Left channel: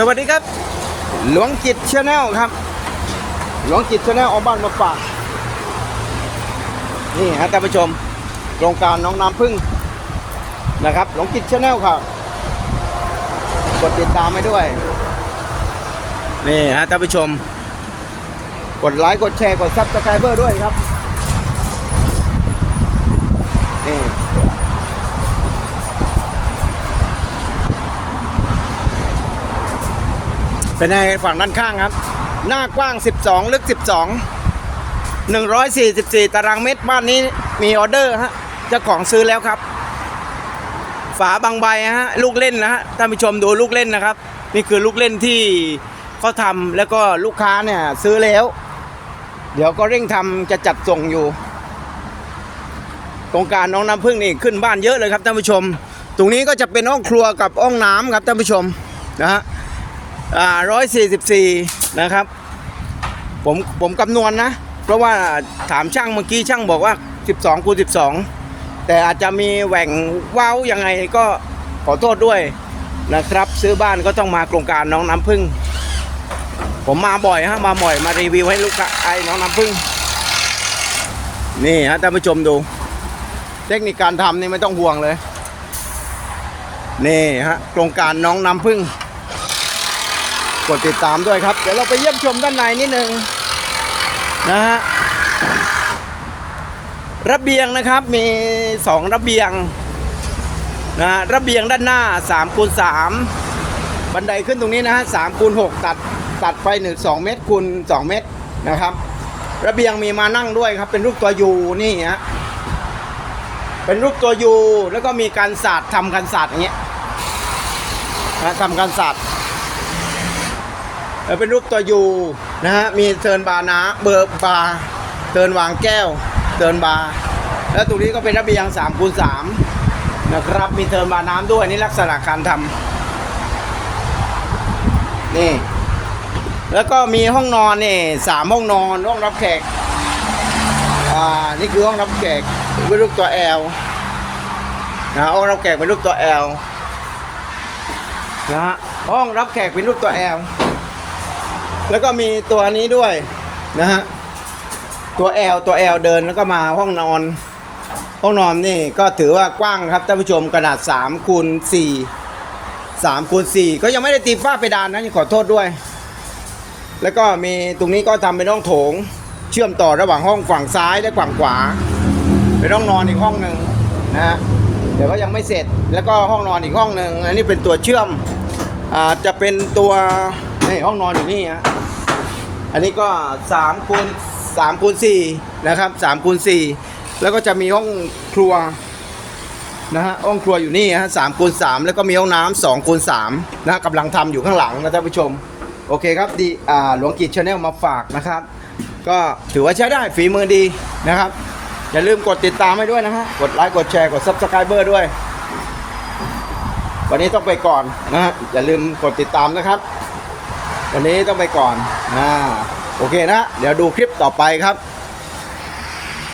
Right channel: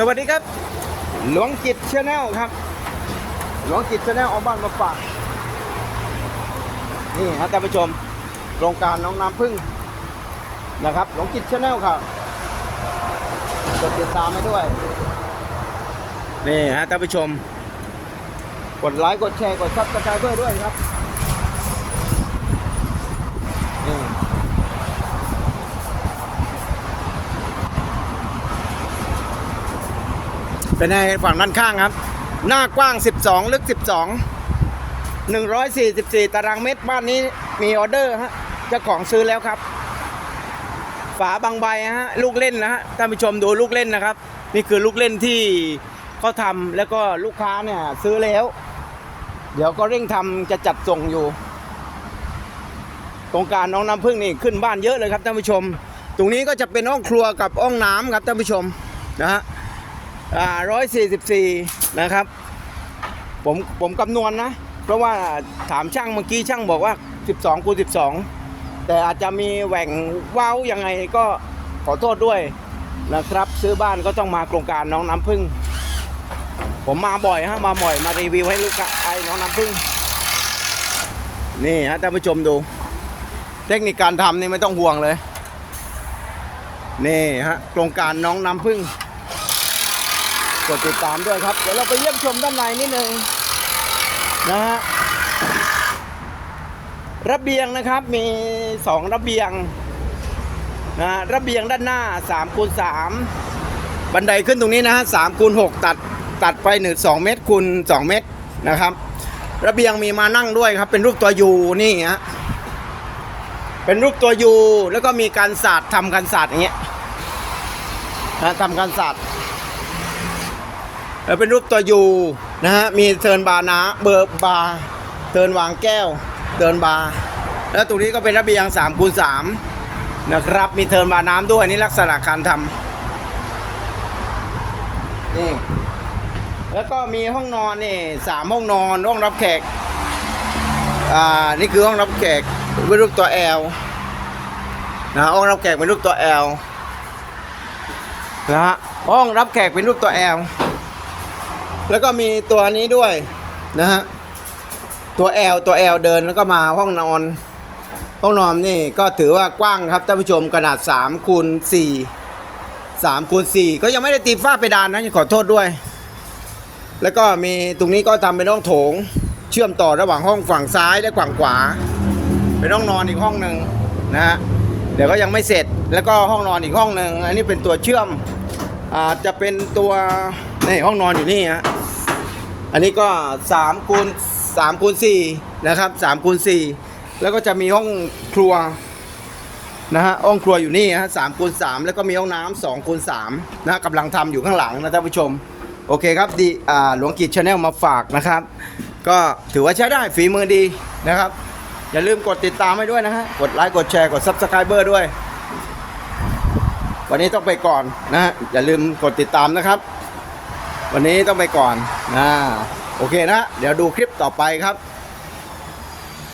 สวัสดีครับ หลวงจิตชาแนลครับ หลวงจิตชาแนลเอาบ้านมาฝากนี่ฮะท่านผู้ชมโครงการน้องน้ำพึ่งนะครับ หลวงจิตชาแนลครับกดติดตามให้ด้วย นี่ฮะท่านผู้ชม กดไลค์กดแชร์กดซับสไครเบอร์ด้วยครับนี่ เป็นในฝั่งด้านข้างครับ หน้ากว้าง 12 ลึก 12 144 ตารางเมตรบ้านนี้มีออเดอร์ฮะเจ้าของซื้อแล้วครับ ฝาบางใบฮะลูกเล่นนะฮะท่านผู้ชมดูลูกเล่นนะครับ นี่คือลูกเล่นที่เขาทำแล้วก็ลูกค้าเนี่ยซื้อแล้ว เดี๋ยวก็เร่งทำจะจัดส่งอยู่โครงการน้องน้ำพึ่งนี่ขึ้นบ้านเยอะเลยครับท่านผู้ชม ตรงนี้ก็จะเป็นห้องครัวกับห้องน้ำครับท่านผู้ชมนะฮะ อ่าร้อยสี่สิบสี่นะครับ ผมผมคำนวณนะ เพราะว่าถามช่างเมื่อกี้ช่างบอกว่า12คูณ12แต่อาจจะมีแหว่งว้าวยังไงก็ขอโทษด้วยนะครับ ซื้อบ้านก็ต้องมาโครงการน้องน้ำพึ่ง ผมมาบ่อยฮะมาบ่อยมารีวิวให้ลูกค้าไอ้น้องน้ำพึ่ง นี่ฮะท่านผู้ชมดู เทคนิคการทำนี่ไม่ต้องห่วงเลย นี่ฮะโครงการน้องน้ำพึ่ง กดติดตามด้วยครับ เดี๋ยวเราไปเยี่ยมชมด้านในนิดนึงนะฮะระเบียงนะครับมีสองระเบียงนะฮะระเบียงด้านหน้า3คูณ3บันไดขึ้นตรงนี้นะฮะ3คูณ6ตัดตัดไปหนึ่งสองเมตรคูณ2 เมตรนะครับ ระเบียงมีมานั่งด้วยครับ เป็นรูปตัวยูนี่ฮะเป็นรูปตัวยูแล้วก็มีการสาดทำการสาดอย่างเงี้ยนะทำการสาด เออเป็นรูปตัวยูนะฮะมีเทิร์นบาร์นะเบอร์บาร์เทิร์นวางแก้วเทิร์นบาร์แล้วตรงนี้ก็เป็นระเบียง3คูณ3นะครับมีเทิร์นบาร์น้ำด้วยนี่ลักษณะการทำนี่แล้วก็มีห้องนอนนี่สามห้องนอนห้องรับแขกอ่านี่คือห้องรับแขกเป็นรูปตัว L นะฮะห้องรับแขกเป็นรูปตัว L นะฮะห้องรับแขกเป็นรูปตัว L แล้วก็มีตัวนี้ด้วยนะฮะตัว L ตัว L เดินแล้วก็มาห้องนอน ห้องนอนนี่ก็ถือว่ากว้างครับท่านผู้ชมขนาด3คูณ4 3คูณ4ก็ยังไม่ได้ตีฝ้าเพดานนะขอโทษด้วย แล้วก็มีตรงนี้ก็ทำเป็นห้องโถง เชื่อมต่อระหว่างห้องฝั่งซ้ายและฝั่งขวาเป็นห้องนอนอีกห้องหนึ่งนะฮะเดี๋ยวก็ยังไม่เสร็จแล้วก็ห้องนอนอีกห้องหนึ่งอันนี้เป็นตัวเชื่อมอาจจะเป็นตัว นี่ห้องนอนอยู่นี่ฮะอันนี้ก็3คูณ3คูณ4นะครับ3คูณ4แล้วก็จะมีห้องครัวนะฮะห้องครัวอยู่นี่ฮะ3คูณ3แล้วก็มีห้องน้ำ2คูณ3นะกำลังทำอยู่ข้างหลังนะท่านผู้ชม โอเคครับดีอ่าหลวงกิจชาแนลมาฝากนะครับ ก็ถือว่าใช้ได้ฝีมือดีนะครับ อย่าลืมกดติดตามให้ด้วยนะฮะ กดไลค์กดแชร์กด Subscriber ด้วย วันนี้ต้องไปก่อนนะฮะอย่าลืมกดติดตามนะครับ วันนี้ต้องไปก่อนนะโอเคนะ เดี๋ยวดูคลิปต่อไปครับ